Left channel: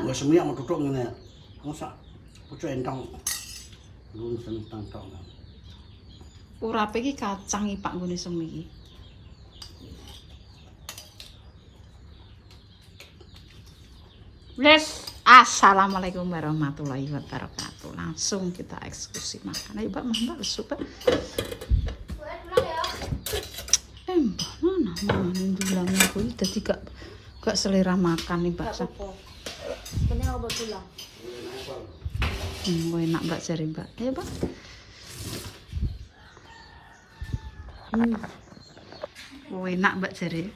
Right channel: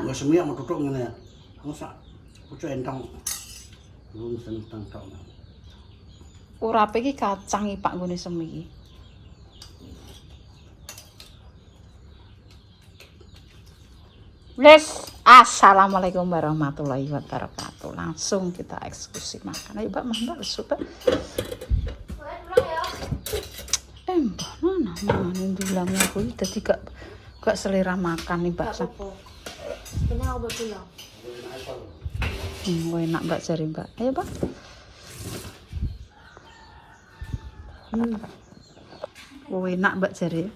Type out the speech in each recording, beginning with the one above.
Nggak semuanya mau tutup ngene. Masa pucuk entang. Belum sentang tok. Urape iki kacang iki Pak nggone semi iki. Wes, assalamualaikum warahmatullahi wabarakatuh. Langsung kita eksekusi makan. Ayo Mbak, Mbak, suka. Mbak, mana yang bilangnya aku jadi gak selera makan nih Mbak. Ini aku bilang. Enak Mbak jari Mbak. Ayo Mbak. Enak Mbak jari.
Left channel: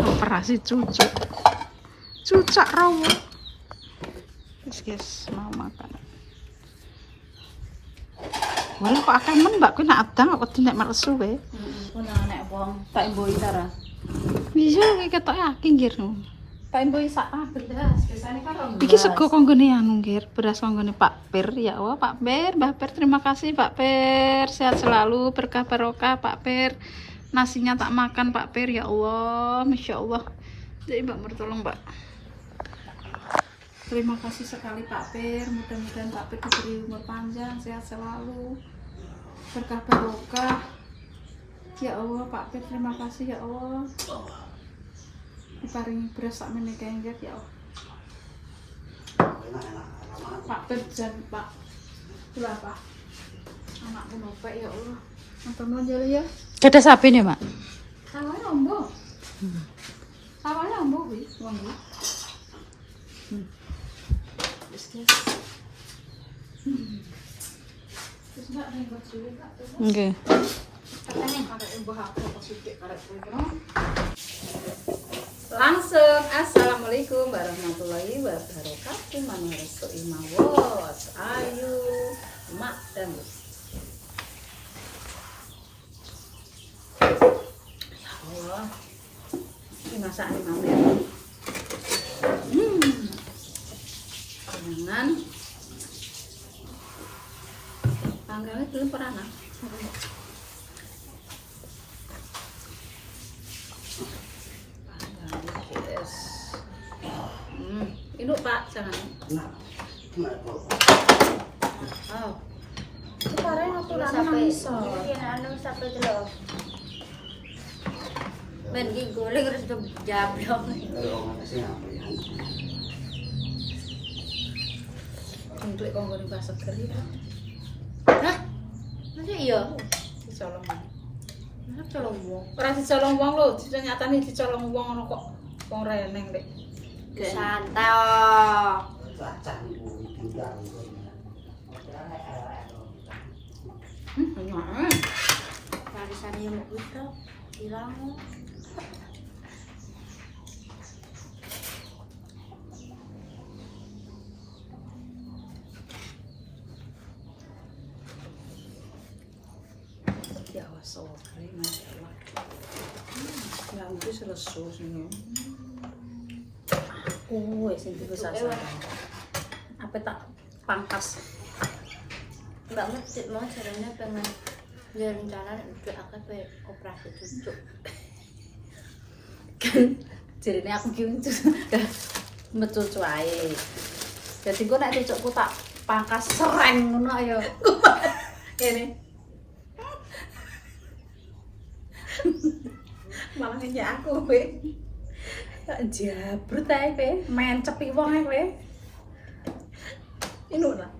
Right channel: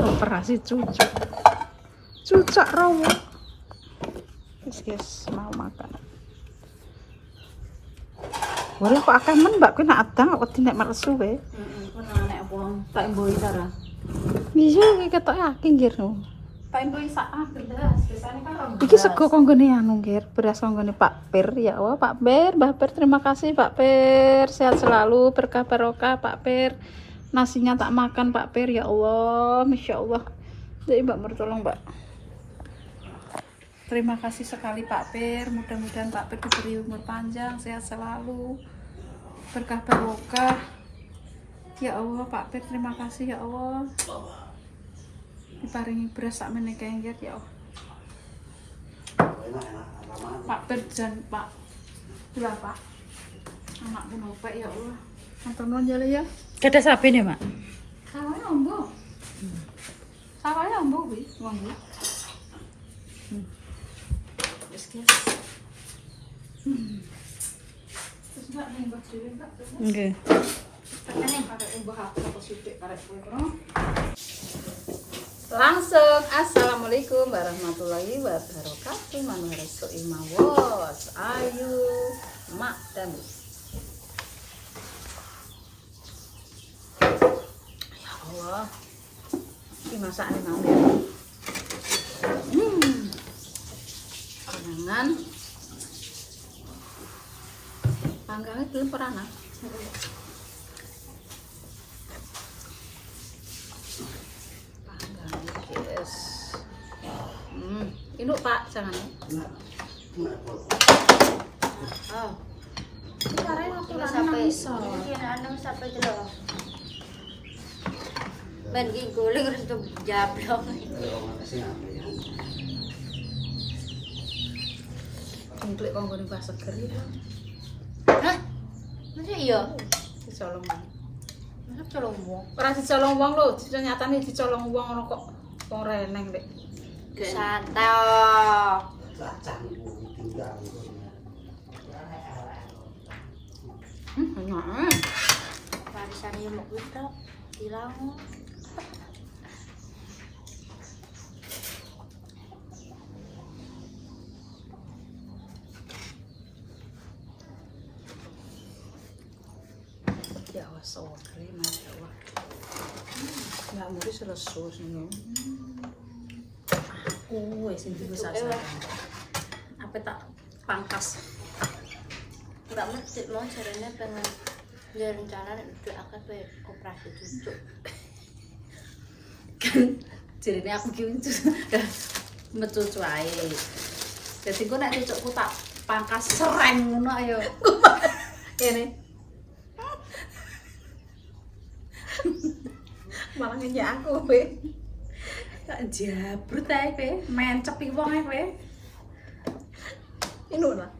Operasi cucuk rawa. Guys, mau makan. Walah kok akeh men Mbak kuwi nak adang kok wedi nek meresu wae. Ku nang nek wong Pak Mboi tara. Iya iki ketoke akeh nggir. Pak Mboi sak beras, biasane kan rong. Iki sego konggone anu nggir, beras konggone Pak Pir ya Allah, Pak Pir, Mbah Pir terima kasih Pak Pir, sehat selalu, berkah barokah Pak Pir. Nasinya tak makan Pak Pir ya Allah, Masya Allah. Jadi Mbak bertolong Mbak. Terima kasih sekali Pak Pir, mudah-mudahan Pak Pir diberi umur panjang, sehat selalu, berkah barokah. Ya Allah Pak Pir terima kasih ya Allah. Diparingi beras sak meneh kengger ya Allah. Pak Pir jan Pak. Berapa? Anakku nopek ya Allah. Nonton jale ya. Ada sapi nih, Mak. Sawahnya ombo. Sawahnya ombo kuwi, ombo. Wis guys. Terus enggak nih buat dhewe enggak. Nggih. Ini ada yang bahas positif karek. Langsung assalamualaikum warahmatullahi wabarakatuh. Mana resto imawos ayu mak dan ya Allah ini masakan ngambil jangan panggangnya belum pernah ini Pak jangan. Oh. Sekarang aku sampai ini anu sampai delok. Ben iki guling terus jablong. Untuk konggone pas seger itu. Hah? Masa iya? Dicolong. Masa colong wong? Ora dicolong wong lho, nyatane dicolong wong ngono kok wong reneng rek. Santai. Barisan yang kita hilang. Ya Allah, masya Allah. Nggak mungkin selesai nih. Sini besar apa tak pangkas Mbak Mat mau caranya pengen dia rencana udah akan operasi cucuk kan jadinya aku gitu metu ae jadi gue nak cucukku tak pangkas sereng ngono ayo ini malah ngenyek aku kowe jabrut ae kowe mencepi wong ae kowe ini lah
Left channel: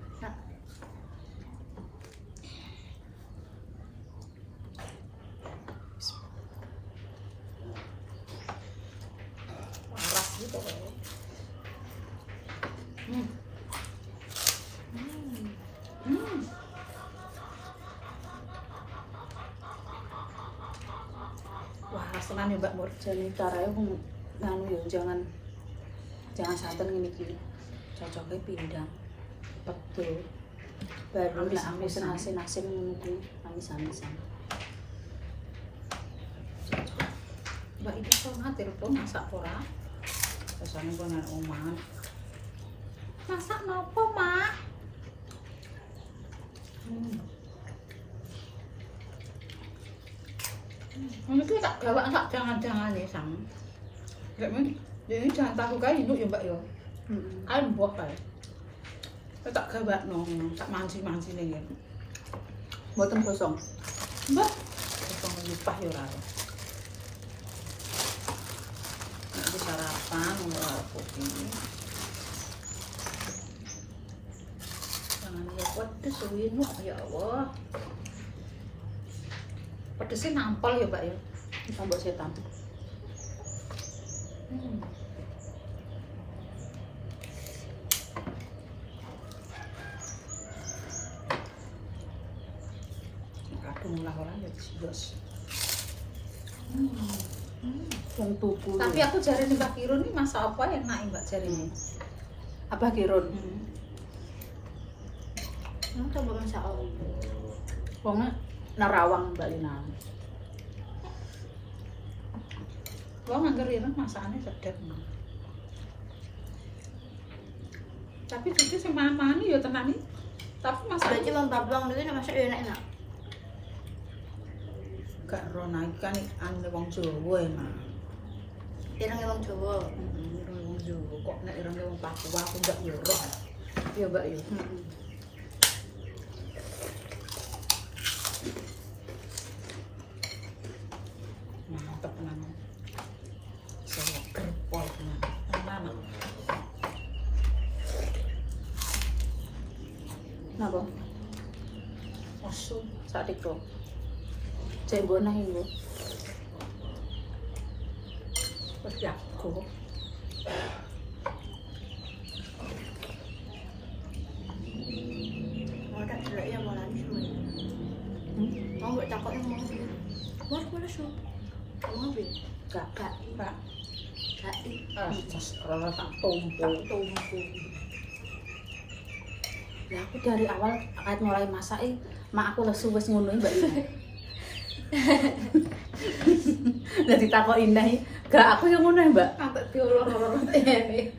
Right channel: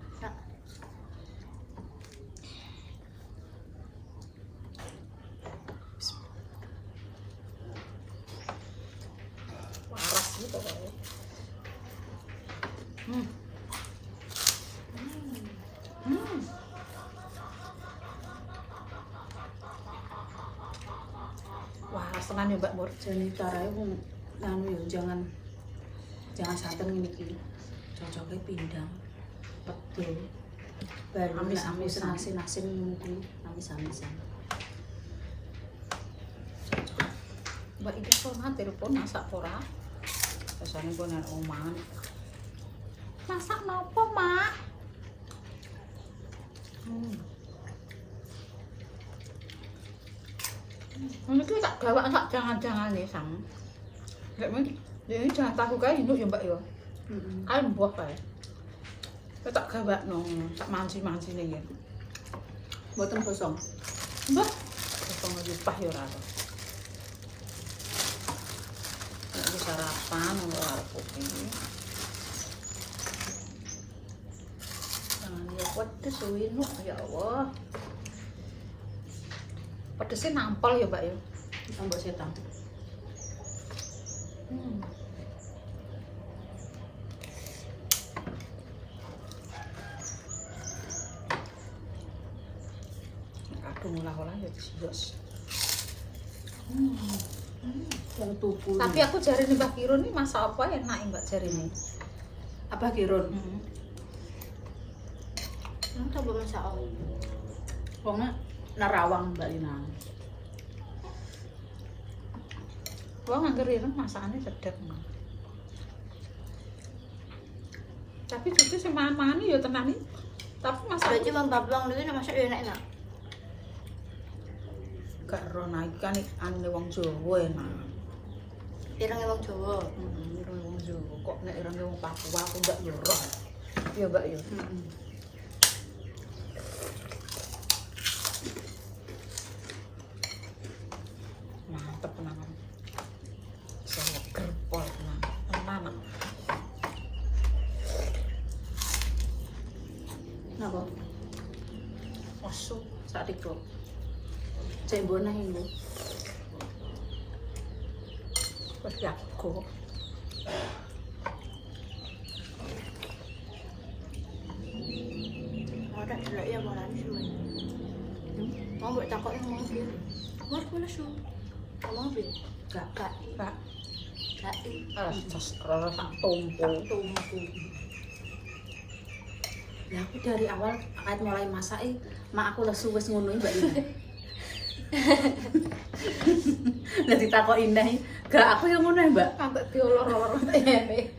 waras gitu kowe waras tenan ya Mbak Mur jane caranya nganu ya jangan santen ngene iki cocoknya pindang betul baru nek aku asin-asin ngono kuwi amis-amisan Mbak iki kok nate telepon masak ora rasane pun nek omongan masak napa Mak Ini tuh tak gawak enggak jangan-jangan ya sang. Enggak men. Ini jangan tahu kae induk ya Mbak ya. Heeh. Ayo mbah kae. Tak gawak no, tak manci-manci nih ya. Boten kosong. Mbak, kosong lagi pah ya ora. Ini sarapan ora kopi. Jangan ya pedes wino ya Allah. Pedesnya nampol ya Mbak ya. Sambal setan. Kadung lah ya jos. Yang tuku. Tapi aku jare nih Mbak Kirun ini masak apa enak ya Mbak jare ini. Apa kirun? Coba masak Wongnya narawang Mbak Lina. Wah nganggur ya masakannya sedap. Tapi cucu sama mama ya tenan. Tapi masak berarti membablang dulu nek masak enak-enak. gak rono kan ane wong Jawa enak. Ireng wong Jawa. Ireng wong Jawa kok nek ireng wong Papua aku gak yo roh. Ya Mbak ya. Mantep tenan. Saya kerpol tenan. Tenan. Napa? Asu Sak tiktok. Cek bonah ibu. terus jago. Mau tak delok ya mau nangis semuanya. Mau mbok takok yang mau biar. War mana su? Mau biar. Gak. Gak. Pak, Gak. rasa tumpu. Tumpu. Ya aku dari awal akad mulai masak mak aku lesu wis ngono Mbak Lina. Lah ditakok indah. Gak aku yang ngono Mbak. Sampai diolor-olor ini.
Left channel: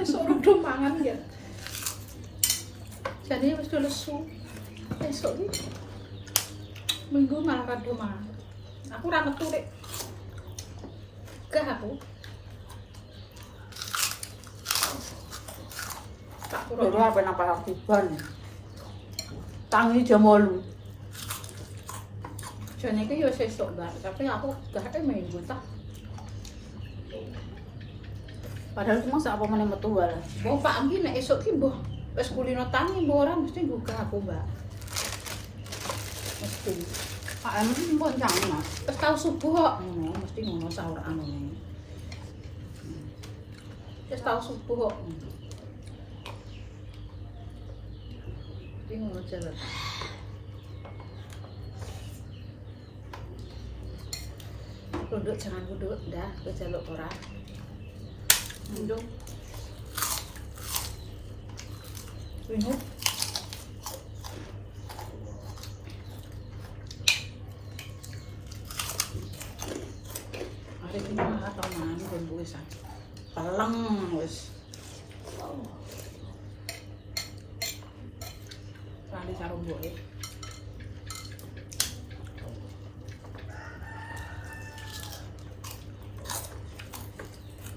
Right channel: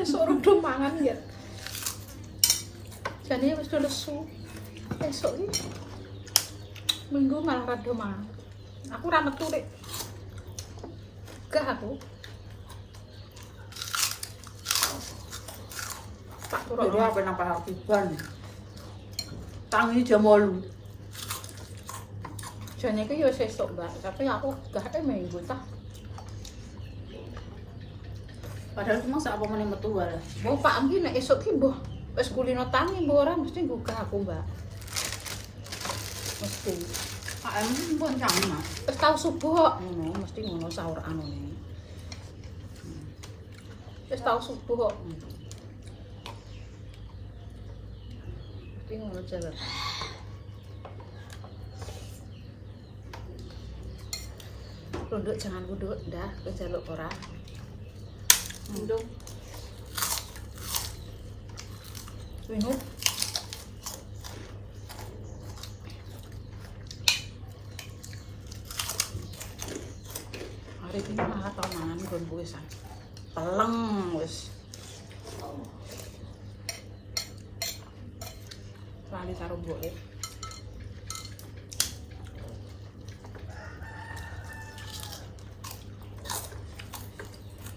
Esok udah mangan ya. Jadi wis lesu. Esok iki minggu malah rada mangan. Aku ra metu Dik. Gak aku. Tak Jadi turun. apa nang Parkiban. Tangi jam 8. Jane iki yo sesuk, Mbak, tapi aku gak minggu tak. Padahal cuma sak apa meneh metu wae. Oh, Pak Anggi nek esuk ki mbah wis kulino tangi mbah ora mesti buka aku, Mbak. Mesti. Pak Amin pun sama. Wis tau subuh kok. Ngono, mesti ngono sahur anu. Wis tau subuh kok. Mesti ngono jalan. Runduk jangan runduk, dah, kejaluk ora. Ndung. Minum. Hari ini malah tau mangan kon wis. Peleng wis. Lali karo mboke.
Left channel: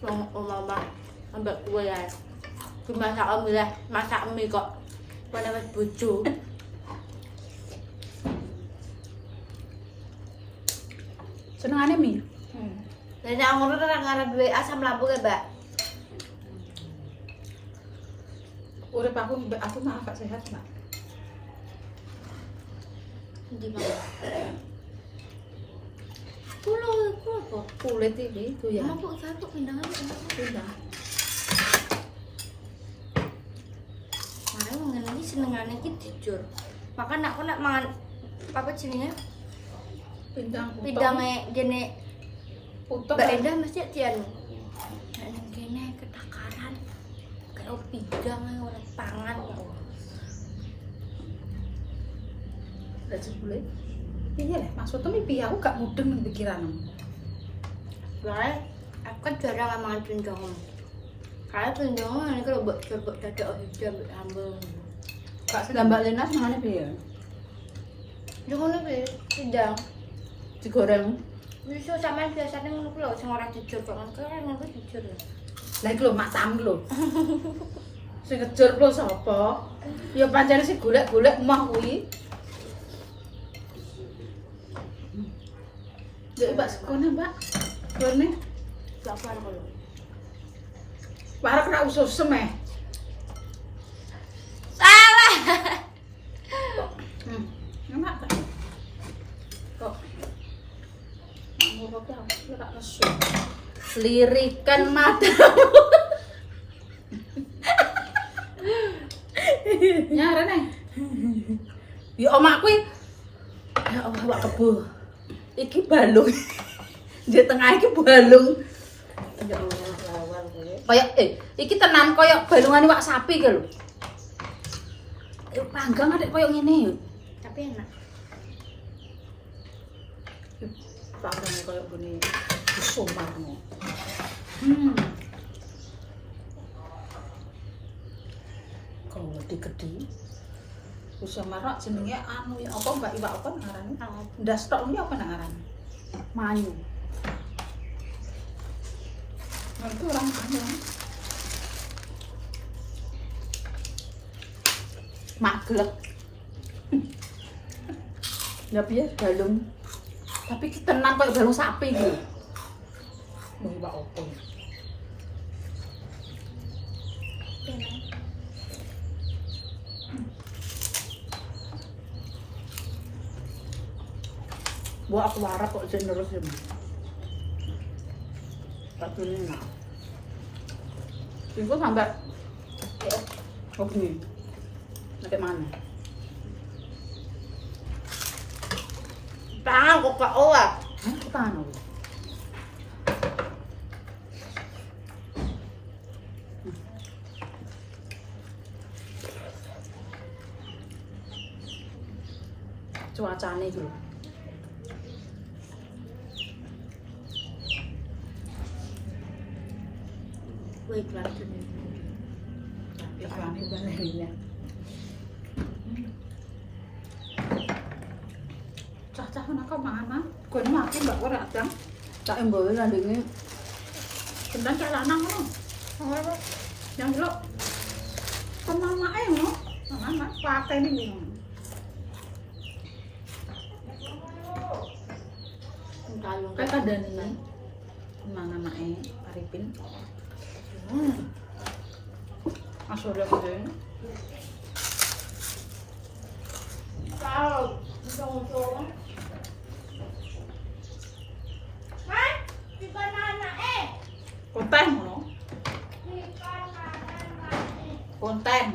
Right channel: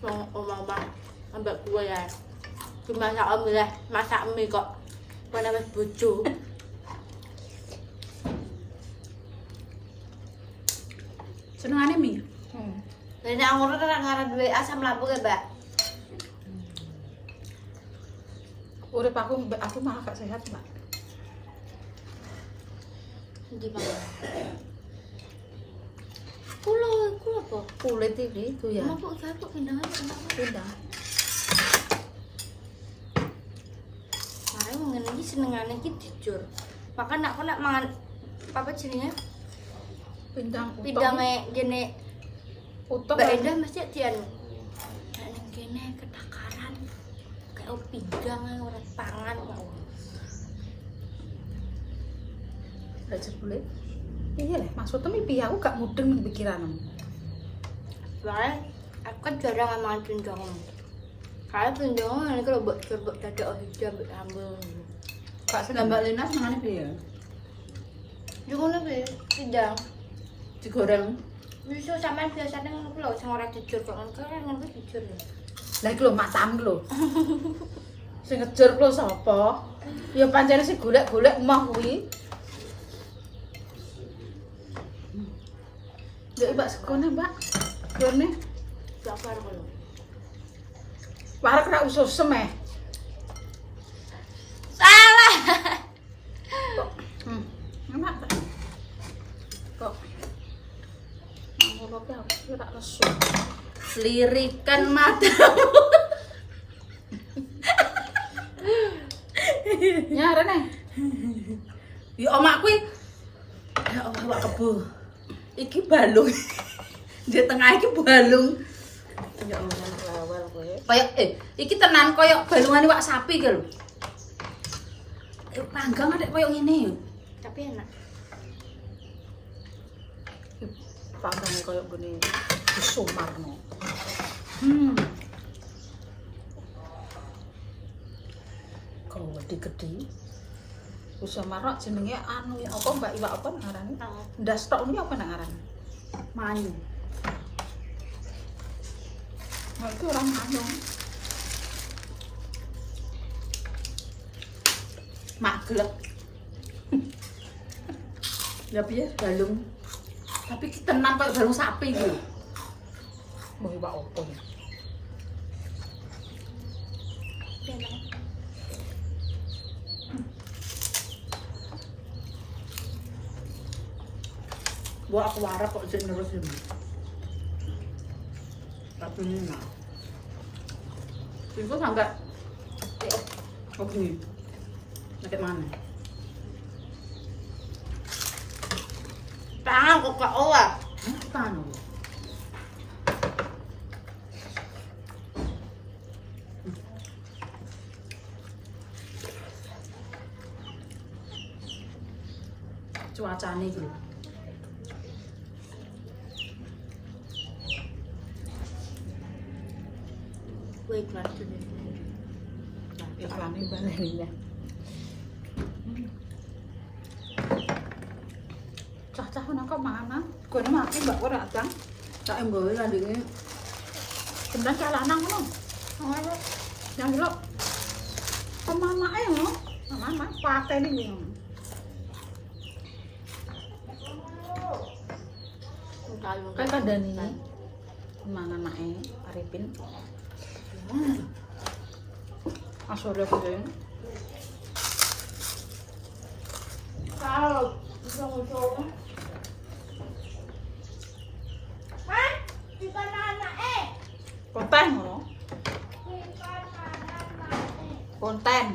Mama ambek kue ya. Dimasak mie lah, masak mie kok. Wana wis bojo. Senengane mi. Nek ngono ora ngaran duwe asam lambung ya, Mbak. Urip aku malah gak sehat, Mbak. Ndi Mama? Kulo apa? Kulit iki doyan. Mama kok gak pindangan kenapa? Pindang. Mare wong ngene iki senengane iki dijur. Makan aku nek mangan apa jenenge? Pindang. Pindange gene Utuh. Mbak Endah mesti dianu. Nek ning kene ketakaran. Kayak pindang ae ora pangan kok. Gak jebule. Iya, maksudnya piye aku gak mudeng ning pikiranmu. Soalnya aku kan jarang mangan pindang. Kayak pindang ini kalau buat coba dadak hijau ambek sambel. Gak Lah Mbak Lina senengane piye? Ngono kuwi pindang. Digoreng. Bisa sampean biasane ngono kuwi lho sing ora jujur kok ngono kuwi jujur. Lah iki lho mak sam lho. Sing ngejur lho sapa? Ya pancen sing golek-golek emah kuwi. Ya Mbak sekone, Mbak. Gone. Gak bar lho. Warek ra usus semeh. Salah. Enak ta? Kok. Ngono ki aku tak nesu. Lirikan matamu. Nyare neng. Ya omakku ya Allah wak kebo. Iki balung. Di tengah iki balung. Ya Allah lawal kowe. Kayak iki tenan koyo balungane wak sapi ki lho. Panggang adek koyo ngene. Tapi enak. Panggangnya koyo gini Sumarno. Kau gede-gede. Sumarno jenenge anu ya apa Mbak Iwak apa ngarane? Ndas tok iki apa ngarane? Mayu. Nah, itu orang mana? Maglek. Ya biar balung. Tapi kita tenan kayak balung sapi gitu. Mau Iwak apa? Buat aku warap kok terus ini. Tapi ini nak. Itu sampai oh ini. Nanti mana? Tangan kok kok ora. Tangan. Cuacanya gitu. Wait, kelas ini. Iklannya bahaya. Cah-cah menangkap mana? Kau ini mati mbak kau datang. Tak embawa landingnya. Kemudian cak lanang lo. Yang lo. Mama lo. Mama pakai ini. Kayak ada nih. Mana mae Arifin. Asal dia punya. Kalau bisa ngomong. Konten lo. Konten.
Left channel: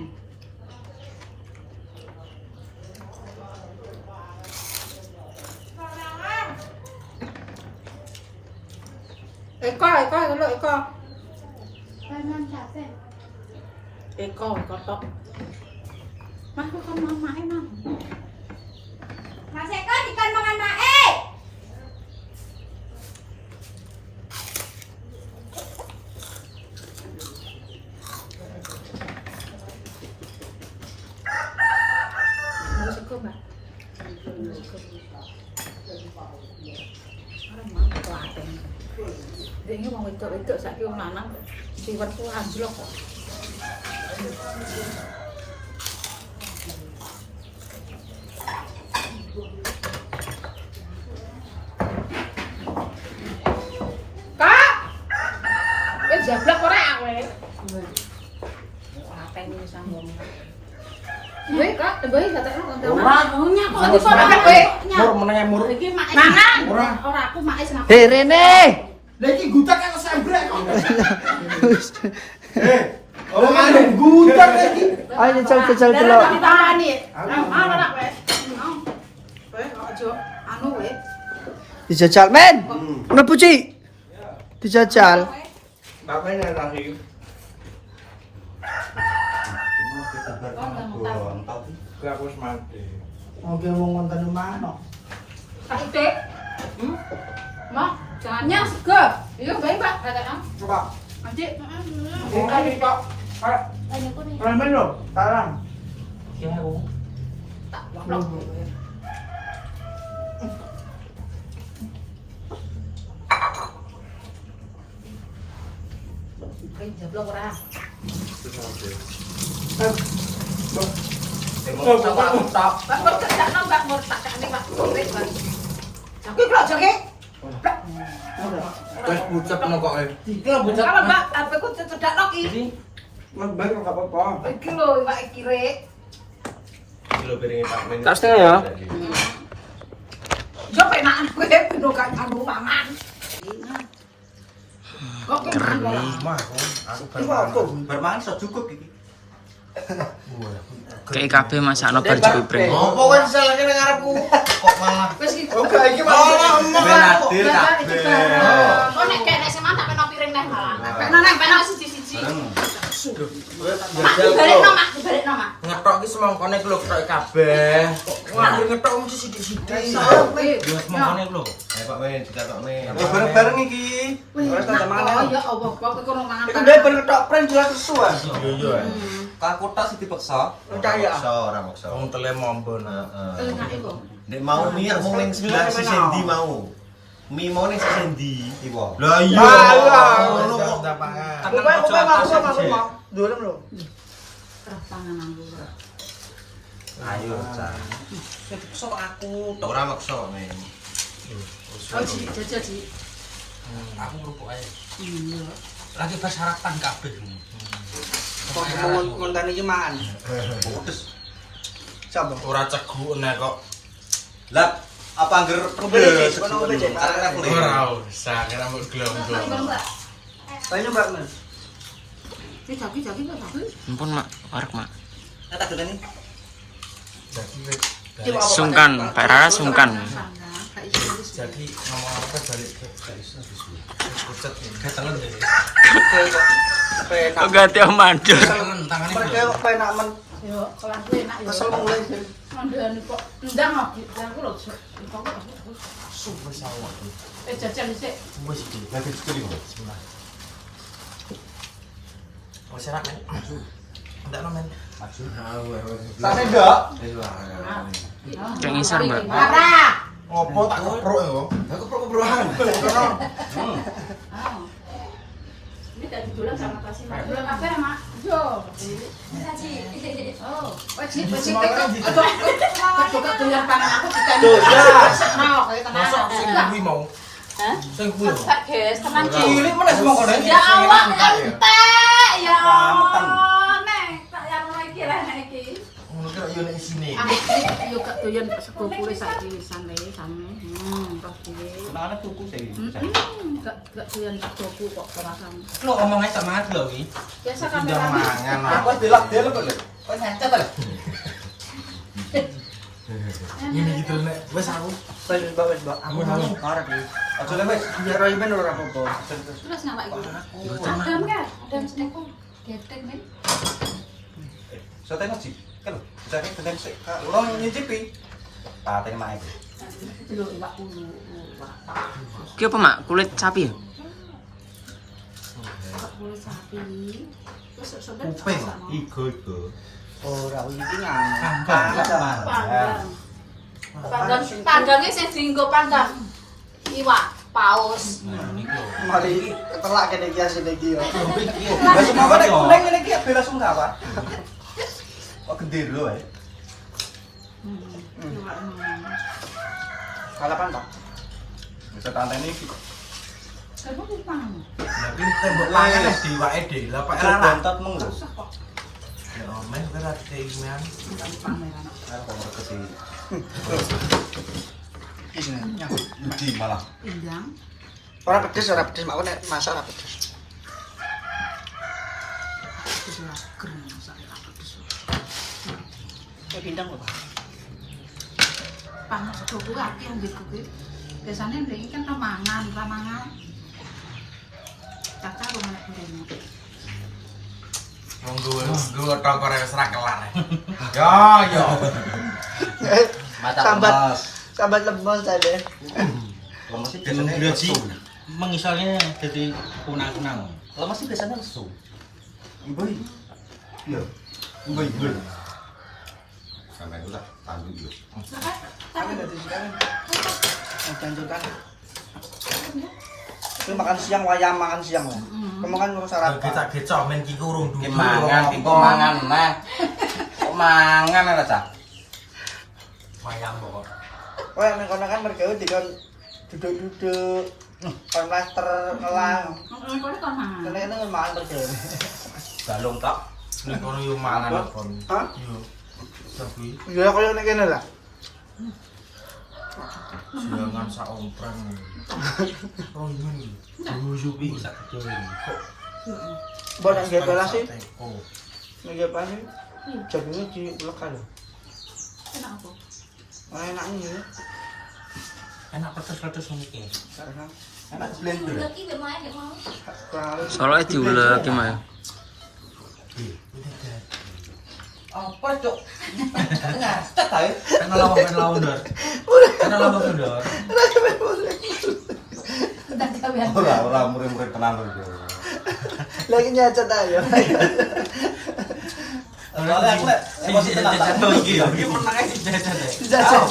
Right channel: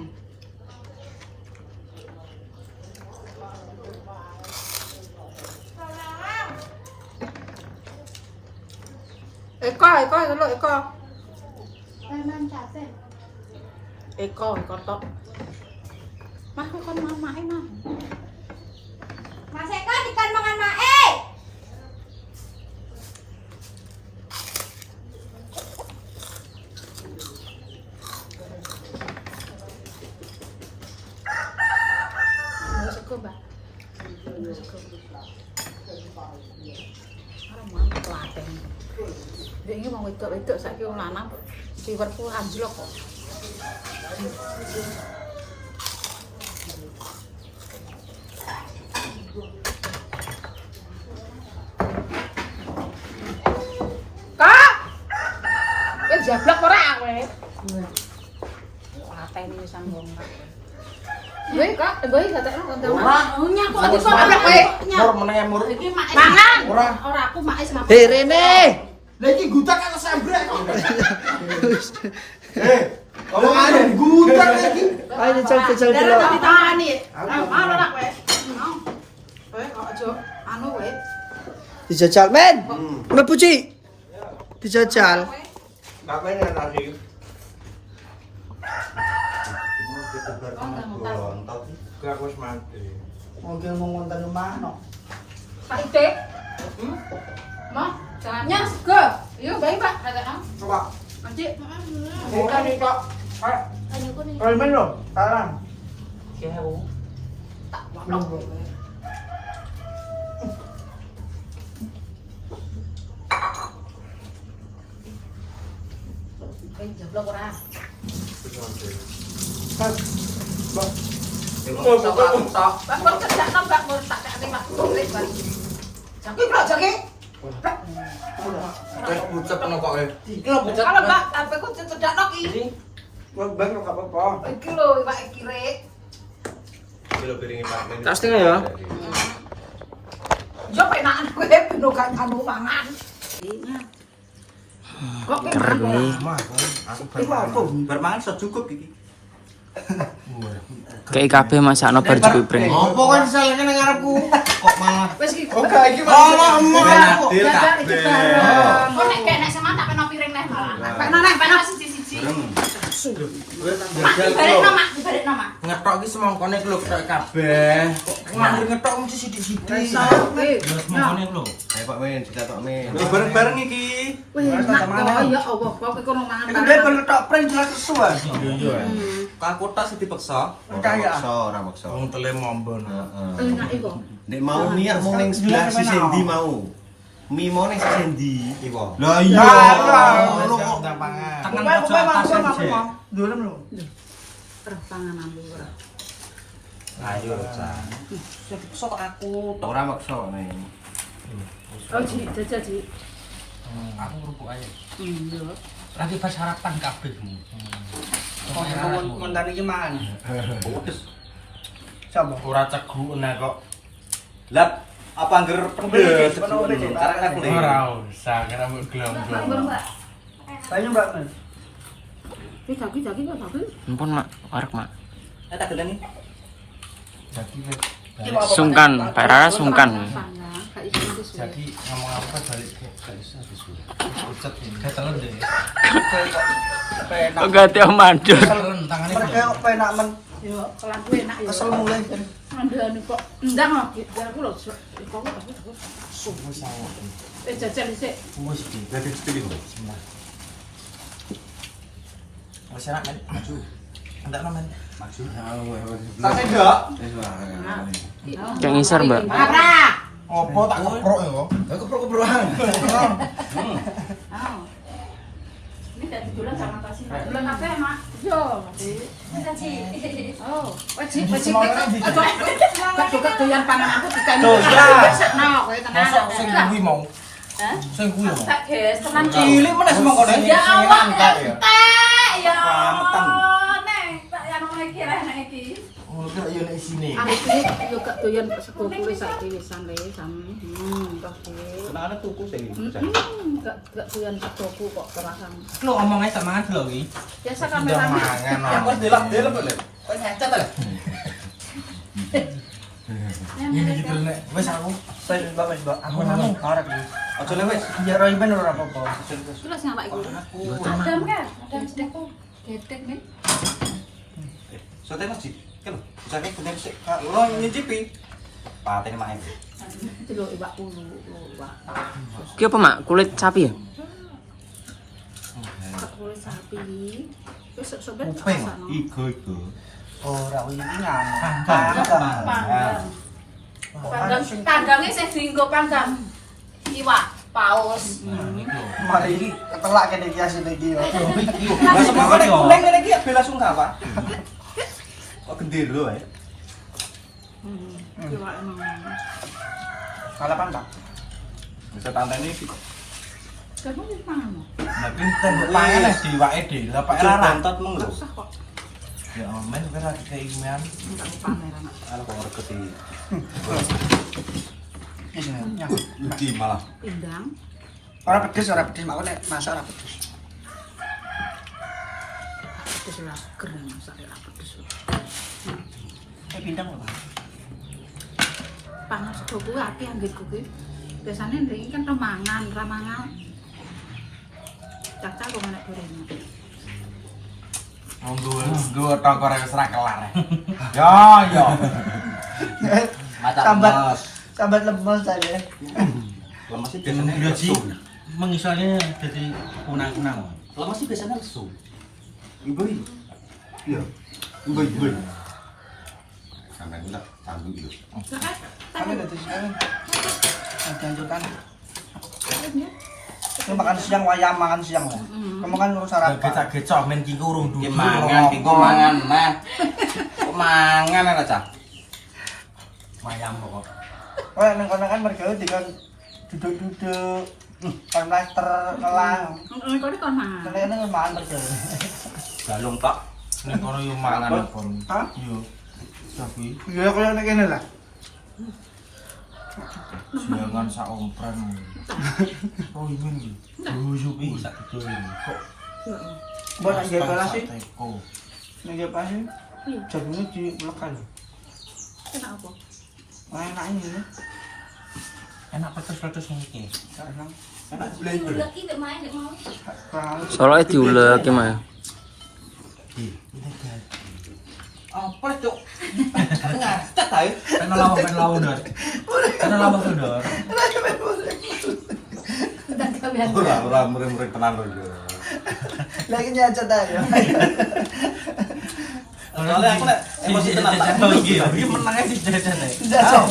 Eko lo Eko. Jangan capek. Eko tok. Mah kan mama mah. Mas Eko ikan mangan mae. Mau seko, Mbak. Ora mau telaten. Dene wong wedok-wedok saiki wong lanang siwerku anjlok kok. Kak! Jablak ora kowe? Ora ini sambung. Weh, Kak, boy gatekno konten. Ora. Kok disono kowe? Mur menenge mur. Iki mak mangan. Ora. Ora aku mak is ngapa? Rene. Lah iki gutak kan sambrek kok. Kalau ada gutak lagi. Ayo jajal dulu. Ditangani. Mau ora kowe? Kowe kok aja anu kowe. Dijajal, men. Mlebu, Ci. Dijajal. Makanya lagi. Gak harus mati. Oke, mau ngonten mana kok? Kak Ite. Mah, jangannya sego. Iya, baik, Pak. Katakan. Coba. Nanti. Ini Pak. Tanya aku nih. Kalau main lo, tarang. Tak waplok kowe. jeblok ora. Pak Mur kerjakno Mbak Mur tak kene Pak Kirik Pak. Jaki kok jaki? Wes bucek ngono kok. Kalau Mbak apa ku cedakno ki? Mas baik enggak apa-apa. Iki lho Pak Kirik. Kilo piringnya Pak Men. Tak setengah ya? Yo penakan kowe beno gak nganggo mangan. Keren nih. Bermangan sudah cukup iki. Kayak kabeh masakno bar jepring. Apa kan salahnya nang ngarepku? Kok malah Wis iki. Oke, iki Pak. adil kabeh. Kok nek kene seman tak peno piring neh malah. Peno neh, peno siji-siji. Balikno Mak, balikno Mak. Ngetok ki semangkone lho ketok kabeh. Ngalir ngetok mesti sithik-sithik. Semangkone lho. Ayo Pak Men, dicatok Men. Bareng-bareng iki. Wih, ya Allah, kok kono mangan. Iku dhewe ben ketok pring jelas kesuwen. Iya iya. Aku tak sing dipeksa. Percaya. Ora maksa. Wong tele mombon. Enak iku. Nek mau mie mau ning sebelah sisi ndi mau. Mie mau ning sisi ndi? Iku. Lah iya. Ngono kok. Kowe masuk. Durem lho. Kerah panganan lu ora. Ayo, Cak. Sing dipeksa kok aku. Ora maksa kok Men. Oh, Ji, jajal Ji. Aku kerupuk ae. Iya. Lagi pas sarapan kabeh. Kok ngontane iki mangan. Pedes. Coba. Ora cegu nek kok. Lah apa angger pedes? Arek level iki. Ora usah kira mbok glonggong. Banyu Mbak Mas. Jaki kok jaki. Ampun Mak, warek Mak. Tak deleni. Sungkan, Pak Rara sungkan. Jadi ngomong apa balik kok gak iso bisu. Ucet ketelen deh. Penak. Kok ganti om mandur. Ketelen tangane. Mereka kok penak men. Yo, kelanku enak yo. Kesel mulai. Mandani kok ndang kok aku lho. Iku kok Suwe sawah. jajal dhisik. Wis iki. Lagi sekali kok. Wis enak Men. Maju. Enggak no Men. Maju. Tapi ndak. Yang ngisor Mbak. Ora. Apa tak keprok ya? Lah keprok-keprokan. Ini dari dulu sama kasih. Dulu apa Mak? Yo. Oh, wajib kok juga doyan pangan aku dikani. Tuh, ya. No, kowe tenan. Masa sing kuwi mau. Sing kuwi mau. Kak Ges, teman Cilik meneh semangkone. Ya Allah, entek ya. Selamatan. Neng, tak yang iki reh nek iki. Ngono kira yo nek isine. Aku iki yo gak doyan sego kule saiki wisan le sami. Toh iki. Kenane tuku sing. Gak doyan sego kok rasane. Lo ngomong ae sama lho iki. Biasa Udah kamera. mangan. Aku delok-delok kok. Wis hecat ta. Ini gitu nek wis aku. Wis Mbak. Aku ngomong arek iki. Aja le wis. Biar ora bener ora apa-apa. Terus ngapa iku? Adam kan? Adam sedekku. Gedek men. Soten sih. Kan lho. Soten bener sik. Ora nyicipi. Patene mak iki. Itu lho iwak ulu. Ki apa Mak? Kulit sapi ya? Kulit sapi. Wis sobat. Kuping. Igo. Ora iki ngangkat. Panggangnya sing dienggo panggang. Iwak paus. Mari iki ketelak kene iki asine iki yo. Lah semoga nek kuning ngene iki bela sungkawa apa? Kok gendero ae. Iwak emang. Kalapan Pak. Bisa tanteni iki. Kan wis mangan. Tapi kan mbok pangan wis diwake dhewe. Lah Pak Aja Rara. bontot mong lho. Sah kok. Ya men kan ada keinginan. Pameran. Aku kok ngerti. Iki malah. Indang. Ora pedes Mak nek masak ora pedes. Wis lager masak apa pedes. Bintang lho Pak. Pangan sego kuwi akeh ambek kuwi. Biasane ndek kan ramangan. Cacah kok nek goreng. Wong gue tok ora wis ra kelar. Yo yo. Mata Sambat. lemes. Sambat lemes aja. Lemes sih biasanya Gaji lesu. mengisolnya jadi kunang-kunang. Lemes sih biasanya lesu. Ibu. Iya. Ibu. Sampai udah tanggung dulu. Tapi enggak disukai. Jangan Ini makan siang wayang makan siang lah. Kamu kan ngurus sarapan. Gecak-gecak men ki kurung Ki mangan, ki mangan nah. Kok mangan lah cah. wayang kok. Wah, ning kono kan mergawe dikon duduk-duduk. Kon plaster ngelah. Kau ni kau mangan. Kene makan mergawe. Balung tok. Ning kono yo mangan kon. Hah? Yo. Tapi Iya koyo nek kene lah. jangan sak ompreng. Oh ini. Yupi sak kecil. Mbak nek nggih belas sih, Oh. nek nggih pas sih. Jagungnya dilekan lho. Kenapa? Enak ini. Enak pedes-pedes iki. Karena Enak blender. Lagi gak main gak mau. kalau Soalnya diulek gimana? Apa cuk? Ngastet ae. Pengen lawan dar. Pengen lawan dar. Dan kalian. Ora murid-murid tenang lho. lagi nyacat aja. Soalnya aku nek emosi tenang tak. Iki ya, iki menang ae dijajan ae. Jajan.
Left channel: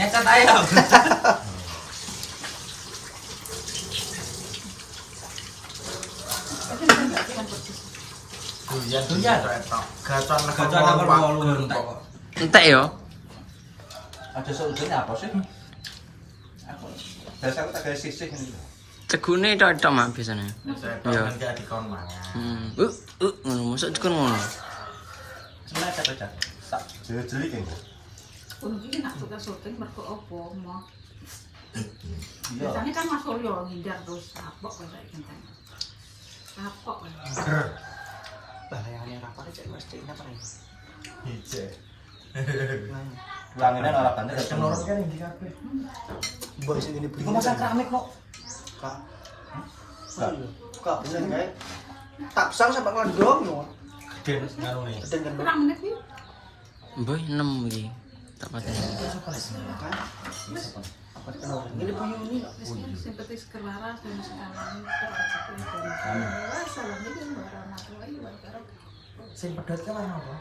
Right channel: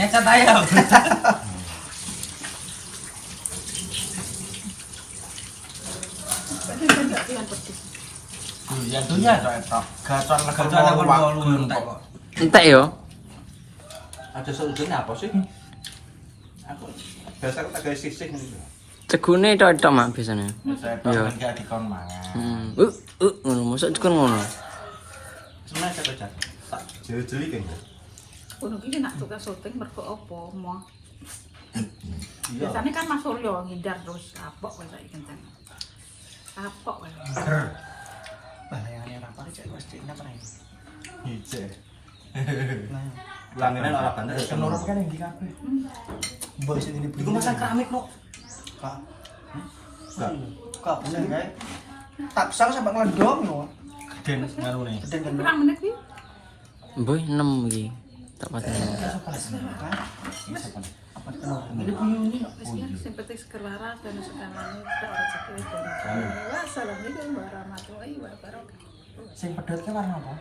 Nyacat ae. Dunia tok. Gacor Gacor wolu entek kok. Entek yo. Ada seujurnya apa sih? Aku biasa aku tak gawe sisih ngene. Cegune tok mak biasanya. Iya. Kan gak dikon mangan. Ngono mosok dikon ngono. Sebenarnya capek tak jeli-jeli kayak gitu. Kuno iki nak suka syuting mergo opo mau. Iya. Biasanya kan Mas Suryo ngindar terus kapok kowe saiki kan. Kapok kowe. Bahayane rapar cek mesti enak kan. Ije. Nah, Ulanginan ora banter Cenor kan iki kabeh. bos ini Iku masang keramik kok. Kak. Kak bener kae. Tapsang sampai ngeledok no. Geden ngarune. Geden kan. Kurang menit iki. Boy 6 iki. Tak pateni. Apa kenal? Ini buyuni no. Wis kan simpatis kerara dan sekarang terus. Wah, salam ini warahmatullahi wabarakatuh. Sing pedhot ke warna apa?